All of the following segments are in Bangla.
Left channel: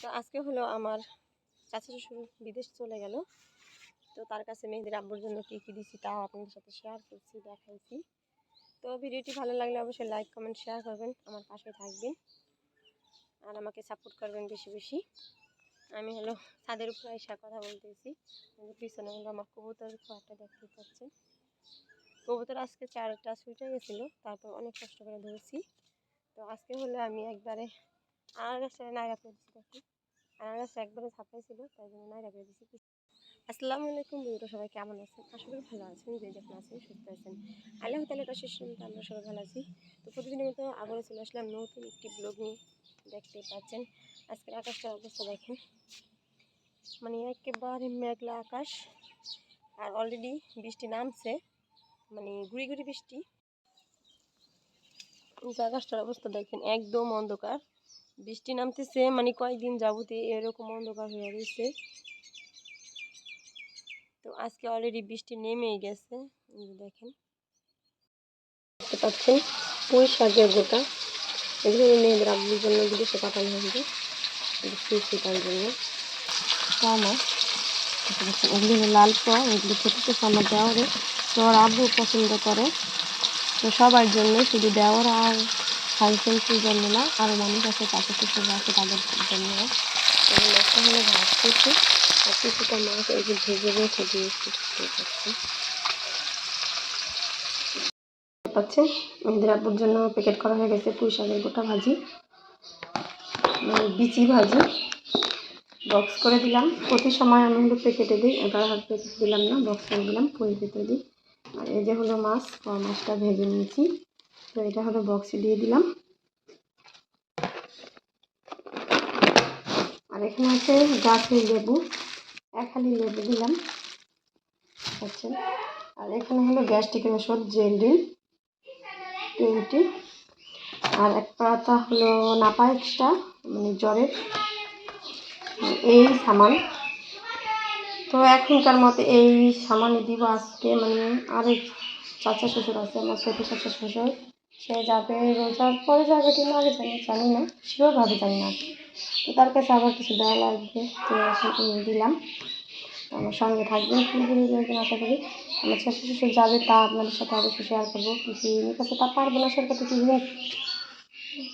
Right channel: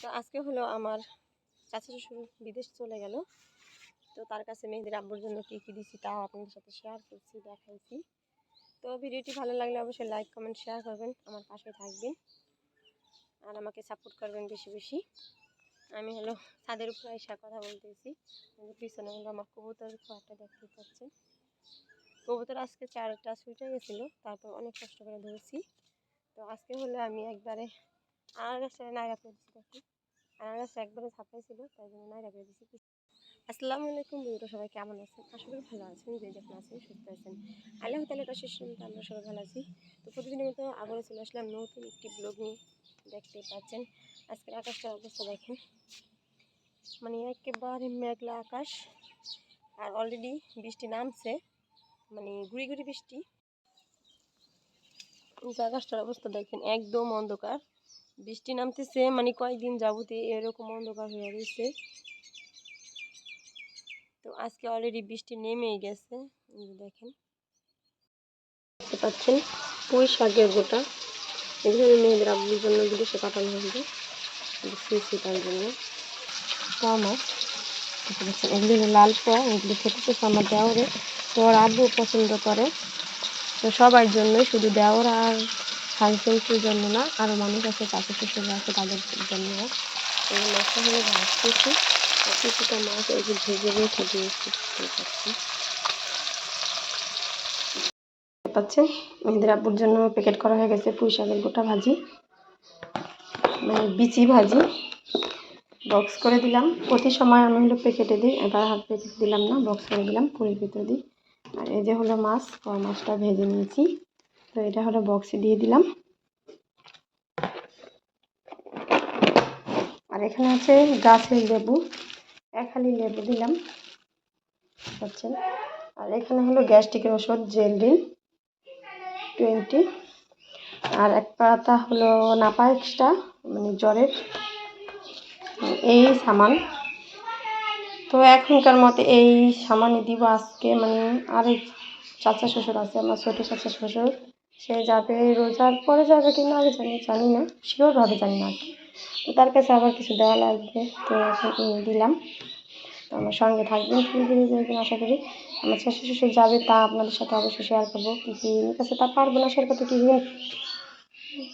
তো আজকে হলো আমার চাচা শ্বশুর বিদেশ চলে গেল। তো তার কাছে মেয়েদের আব্বুর জন্য কী কী দিছি তাও আপনাদের সাথে শেয়ার করছি, দেখাইছি। তো ভিডিওটি ভালো লাগলে অবশ্যই লাইক কমেন্ট শেয়ার করবেন, আমার পাশে থাকবেন। আর আমাকে সাপোর্ট করবেন বেশি বেশি। আমি হলো ছাদের উপরে এসে কথা বলতেছি। পিছনে হলো আমার কবুতর খোয়াটা দেখতে পাচ্ছেন। কবুতর আজকে চারটা ছুটে গেছিল, তারপর অনেক কষ্ট করে ধরেছি। তো আজকে হলো আমি একবারে করে দিচ্ছি দেখুন আনার গাছটা একবারে ছাপাইছিল তাই জন্য নাইরা করে দিচ্ছি বন্ধুরা, সবাই কেমন আছেন? করি ভালো আছেন, যে যখন আছেন সুস্থ আছেন। আল্লাহ তালা শেষ পর্যন্ত আমরা সবাই ভালো আছি। তো প্রতিদিনের মতো আবারও চলে আসলাম নতুন একটি ব্লগ নিয়ে, দেখতে পাচ্ছেন। আজকের আকাশটার অবস্থা দেখেন। মানে একেবারে মেঘলা আকাশ, আর অলরেডি বৃষ্টি নামছে মানে গুড়ি গুড়ি বৃষ্টি। আকাশটার অবস্থা দেখেন, একদম অন্ধকার। বৃষ্টি নামতেছে মানে কয়েকদিন যাবতে এরকম অন্ধকার হয়ে রয়েছে। তো আজকে অলরেডি বৃষ্টি নেমেই গেছে দেখেন। দেখতে পাচ্ছেন, পুঁই শাকের গোটা। এগুলো মেয়েদের আব্বুর জন্য বিদেশে পাঠানো হয়েছে দিচ্ছি তার জন্য। আমার এগুলি লাল পোয়া, এগুলি তো আমার দেওয়ারে। তো আব্বু পছন্দ করে, তো সবার জন্য শুধু দেওয়ার আর হাজবেন্ডের জন্য না আরও মানুষ আছে চাচা শ্বশুর আছে, তাদের জন্য। এই মাছটা হলো ভাত করছি আর কিছুটা মাছ এই যে ভেজে রেখে দিয়েছি দেখতে পাচ্ছেন? পাচ্ছেন আমাদের আব্বুর জন্য প্যাকেট করা হয়ে গেছে পুঁই শাকের গোটা ভাজি। মানে বিচি ভাজি। বক্স করে দিলাম। প্রতি সময় আমি হলো প্যাকেটে দিই এবার হাত প্যাকেট দিলাম না বক্স করে দিলাম পুঁই ভিতরে দিই। আর এই যে হলো মাছ মাছটা ভেজে নিয়েছি। তো এটা হলো বক্সে দিয়ে দিলাম। আর এখানে আছে গাছের লেবু, এক হালি লেবু দিলাম আচ্ছা আর এখানে হলো গ্যাস্ট্রিকের ওষুধ জেলডিন টোয়েন্টি আর এক পাতা হলো নাপা এক্সট্রা মানে জ্বরের এই সামান। তো এখনকার মতে এই সামানই দিব আজকে মানে আরেক চাচা শ্বশুর আছে, আমার ছোটো চাচা শ্বশুর। সে যাবে রোজার পরে যাবে কিনা আগে জানি জানি না শিওরভাবে জানি না তো তার কাছে আবার কিছু দেওয়া লাগবে, তো এখন দিলাম। আমার সঙ্গে থাকবেন ফুল ভিডিও দেখবেন আশা করি। আমার চাচা শ্বশুর যাবে তা আপনাদের সাথে অবশ্যই শেয়ার করব। কিছু এর কাছে তা পারব না, শেয়ার করতে কিছু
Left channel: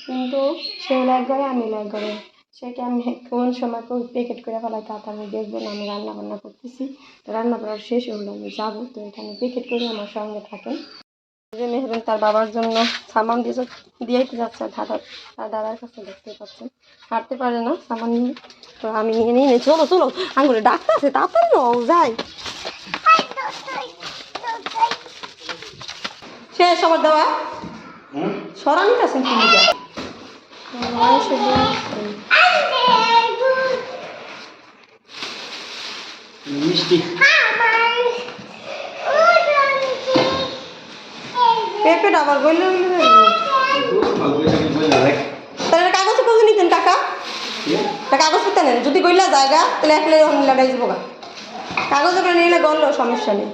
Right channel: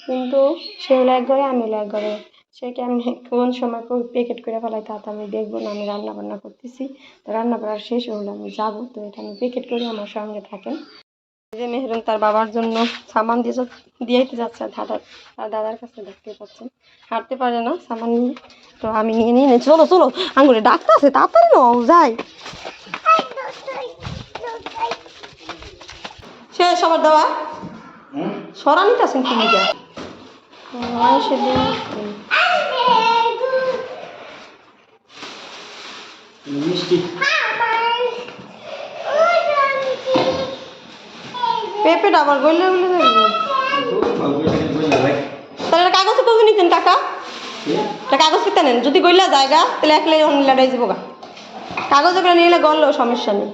কিন্তু সে হলো এক ঘরে আমি হলো এক ঘরে সে কেমন কোন সময় প্যাকেট করে ফেলায় তা তো আমি দেখব না, আমি রান্না বান্না করতেছি। তো রান্না করার শেষ হলো, আমি যাব। তো এটা আমি প্যাকেট করে আমার সঙ্গে থাকেন। যে মেহরুন তার বাবার জন্য সামান দিয়ে যা- দিয়েই তো যাচ্ছে আর দাদার আর দাদার কাছে দেখতে পাচ্ছেন। হাঁটতে পারে না সামান নিয়ে। তো আমি নিয়ে নিয়ে নিই চলো চলো আঙুলে ডাক্তার আছে তাড়াতাড়ি নাও যাই। শেষ আমার দেওয়া। সরানি আছেন তুমি যা নয় মিষ্টি। পেঁপেটা আবার বললে বললে তাহলে এটা কাগজে কবে নিতেন কাকা? এটা কাগজ পেতে নেন যদি গইলা জায়গা তাহলে একলে লাগাই যাব গা। কাগজে করে নিলে গড়লেও সমস্যা নেই।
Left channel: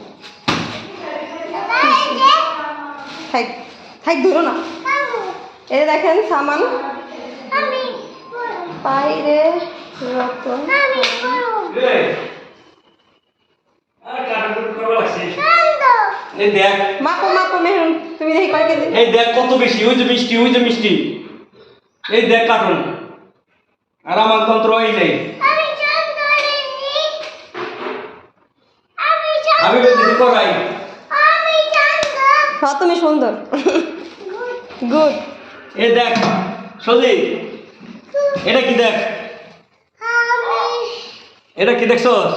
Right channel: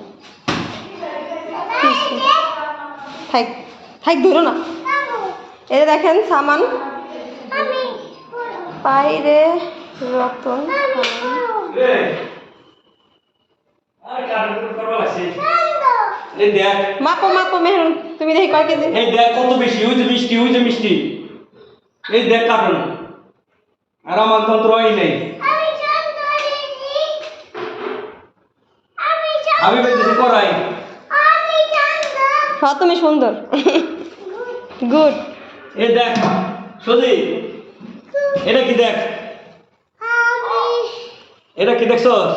থাক থাক ধরো না। এটা দেখেন সামান। বাইরে রতন। এই দেখ। মাপো মাপো মেহরুন তুমি দেখি কয় কেজি? এই দেখ কত বেশি ওই যে মিষ্টি ওই যে মিষ্টি। এই দেখ কার্টুন আর আমার তন্ত্র এই নেই। আমি বলতেছি করাই। হ্যাঁ তুমি সুন্দর। গুড। এ দেখ সজি। এটা কি দেখ? এটা কি দেখছস?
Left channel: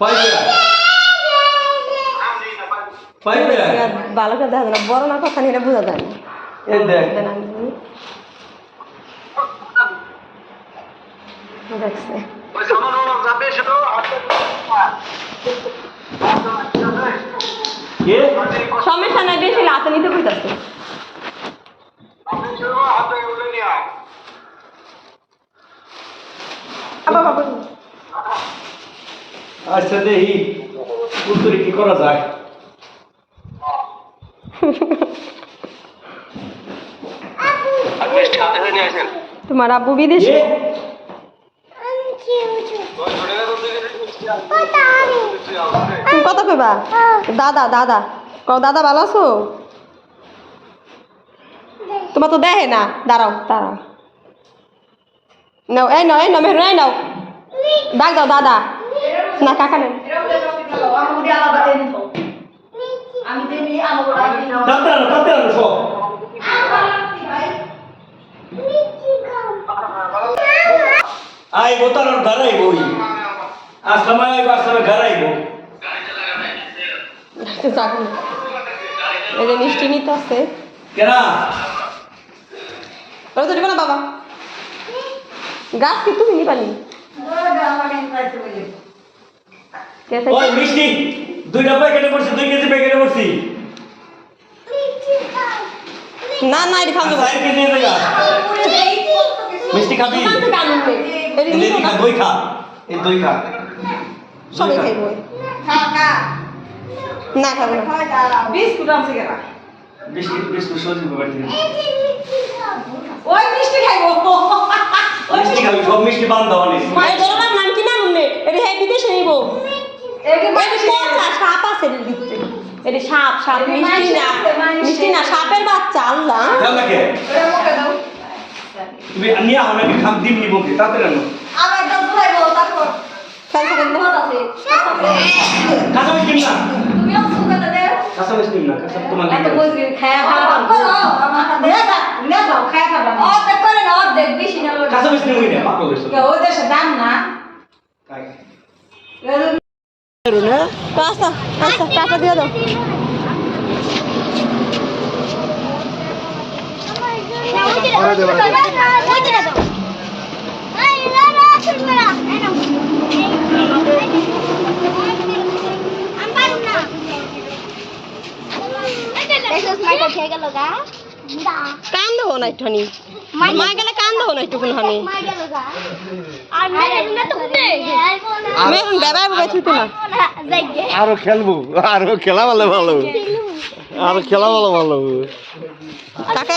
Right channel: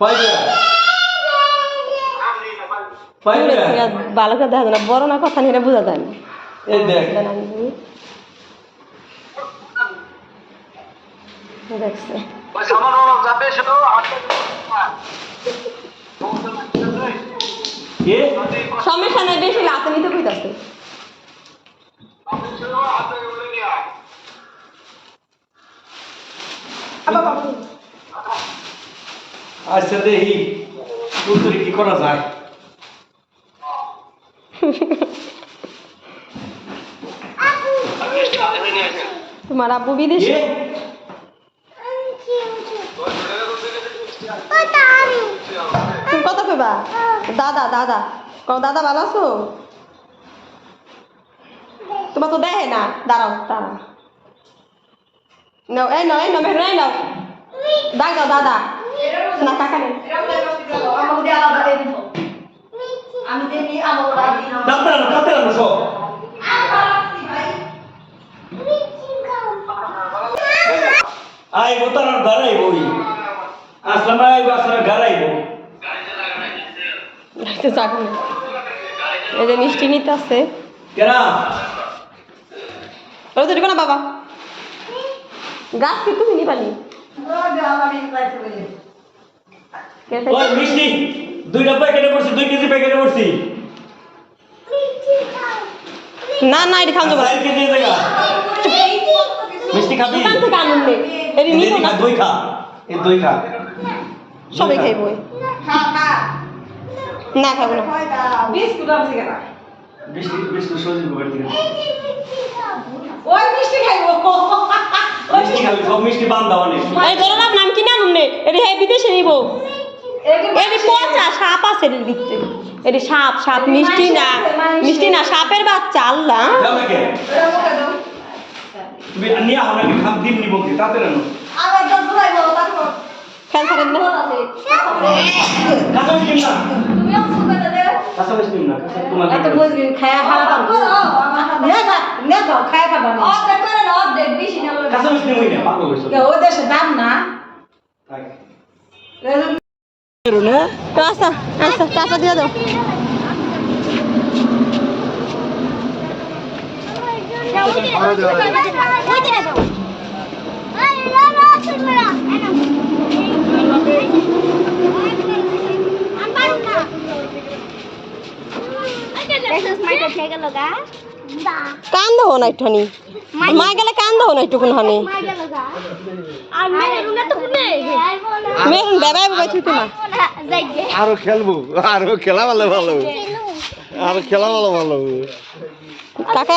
পাইবা পাইবা। ভালো করে দেখা যায় না বড় না কথা নিয়ে বোঝা যায় না। দেখছে। সমস্যা নাই বেশি লাতে নিতে বুঝতেছে আচ্ছা দেখি। উত্তরে কি করা যায়? তোমার আব্বু বিদেশে তুমি কত কইবা দাদা দাদা ক দাদা ভালো আছো তোমার তো দেখে না দাঁড়াও দাঁড়াও নাও এই নাও এই নাও মেহরুন এই নাও ডাক দাও দাদা না কাকা নেই ডাক্তার আনো সব আইব তার ঘর আইব ওই আসলাম আইব আসলে ঘর আইব এই যে মিষ্টি নিতে আছে কেনা ওরা তো দিবে না বাবা গাছ কি তুমি নিবানি ওই মিষ্টি দুইটা প্যাকেটে পড়ছি দুই কেজি প্যাকেটে পড়ছি না না এটা যাবে চার কেজি জায়গা। মিষ্টি খাবি? নে। এই খা না। দই খা। এই দই খা। সবাই খাইব। না খাব না। বিস্কুট বিস্কুট সবজি বাড়ি থেকে। মিষ্টি খাবি সব মিষ্টি বান দাও এই নাম কি নাম নে। এটি হ্যাঁ বিদেশে নিব। এটি পচা সাপ আছে এর ভিতরে। এটি সাপ সাপ। মিষ্টি না মিষ্টি না সাপের বাচ্চা আল্লাহ। তুমি নিয়ে আহ আমি খাম দিন নিব কি? তাতে কেন খাবেন না। কাঁচা মিষ্টি না কাঁচা মিষ্টি না কাঁচা তোমার কাঁচা মিষ্টি হই না পাগল হইছো খাই। রাস্তা রাস্তা টাকা দিয়ে দাও Michael খেয়ে গেল গা দা কান হো না একটুখানি। মা গেলে কান্দ হো না একটুকুন হানি। মেরুনা তো কোনে মেরুন দাবাই বাবাই ছুটো না। আরও খেলব আরও খেলা ভালো ভালো। খেলু আরও খেলা ভালো ভালো। টাকা